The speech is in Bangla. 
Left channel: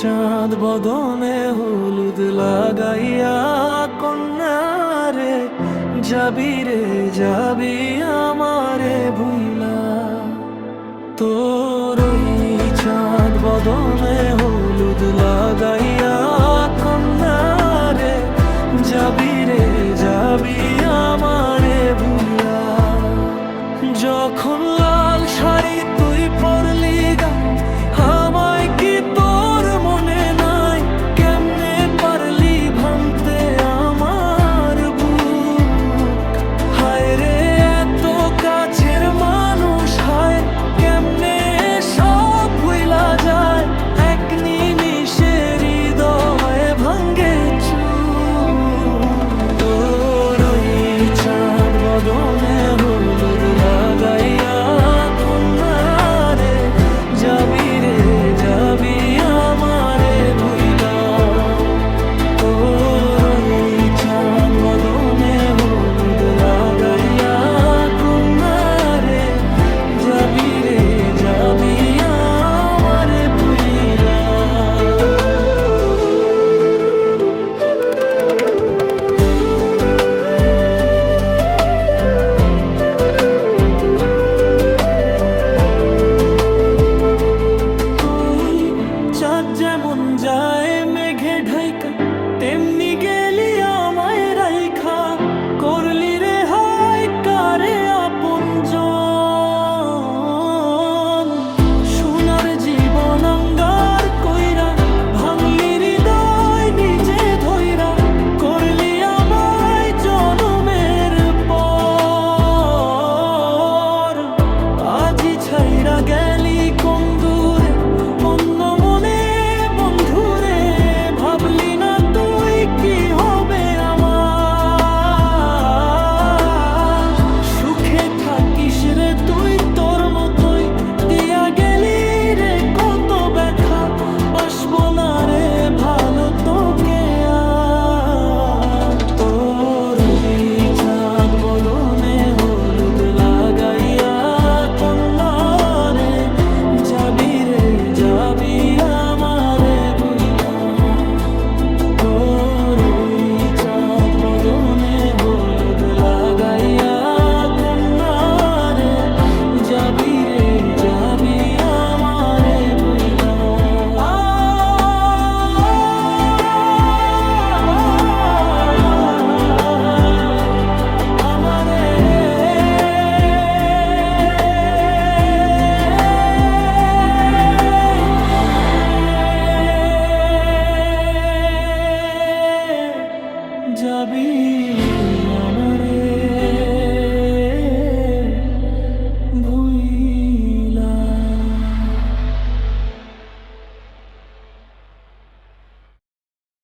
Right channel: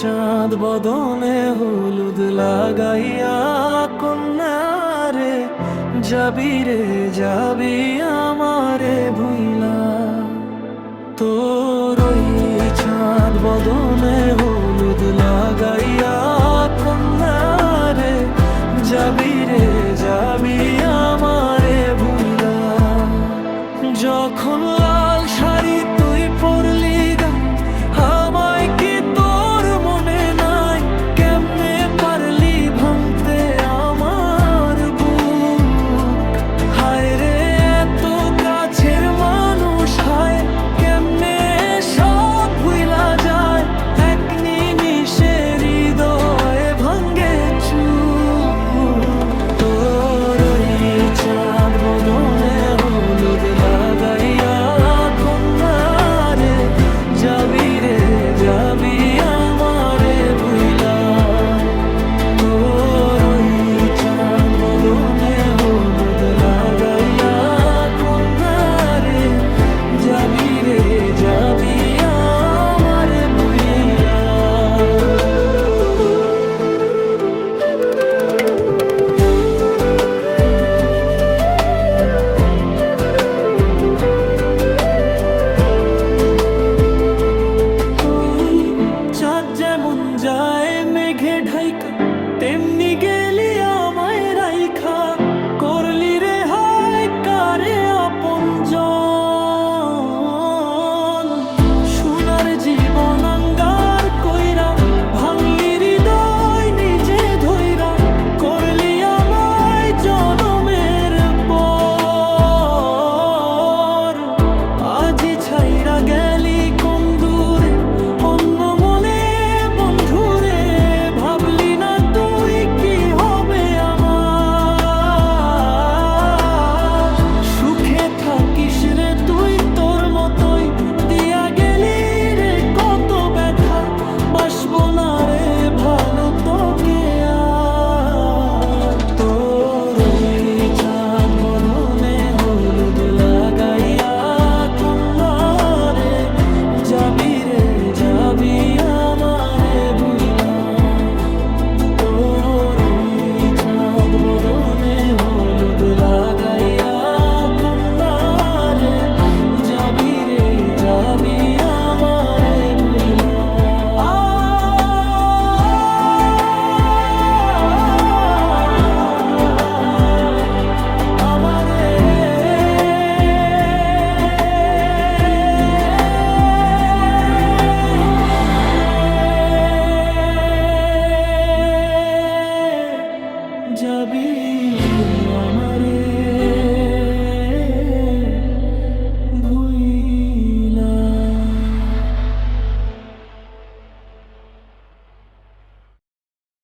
চাঁদ বদনে হলুদ লাগাইয়া কন্যারে যাবি রে যাবি আমারে ভুইলা। তোর ওই চাঁদ বদনে হলুদ লাগাইয়া কন্যারে যাবি রে যাবি আমারে ভুইলা। যখন লাল শাড়ি তুই পরলি গা আমায় কি তোর মনে নাই? কেমনে পারলি ভাঙতে আমার বুক? হায় রে এত কাছের মানুষ, হায় কেমনে সব ভুইলা যায়? এক নিমিষে হৃদয় ভাঙ্গে চুর। তোর ওই চাঁদ বদনে হলুদ লাগাইয়া কন্যারে যাবি রে যাবি আমারে ভুইলা। তোর ওই চাঁদ বদনে হলুদ লাগাইয়া কন্যারে যাবি রে যাবি আমারে ভুইলা। চাঁদ যেমন যায় মেঘে ঢাইকা, তেমনি গেলি আমায় রাইখা। করলি রে হায় কারে আপনজন, সোনার জীবন আঙ্গার কইরা ভাঙলি হৃদয় নিজে ধইরা। করলি আমায় জনমের পর, আজি ছাইরা গেলি কোন দূরে অন্য মনে বন্ধুরে। ভাবলি না তুই কি হবে আমার? সুখে থাকিস রে তুই তোর মতোই, দিয়া গেলি রে কত ব্যথা। বাসবো না রে ভালো তোকে আর। তোর ওই চাঁদ বদনে হলুদ লাগাইয়া কন্যারে যাবি রে যাবি আমারে ভুইলা। তোর ওই চাঁদ বদনে হলুদ লাগাইয়া কন্যারে যাবি রে যাবি আমারে ভুইলা। যাবি আমারে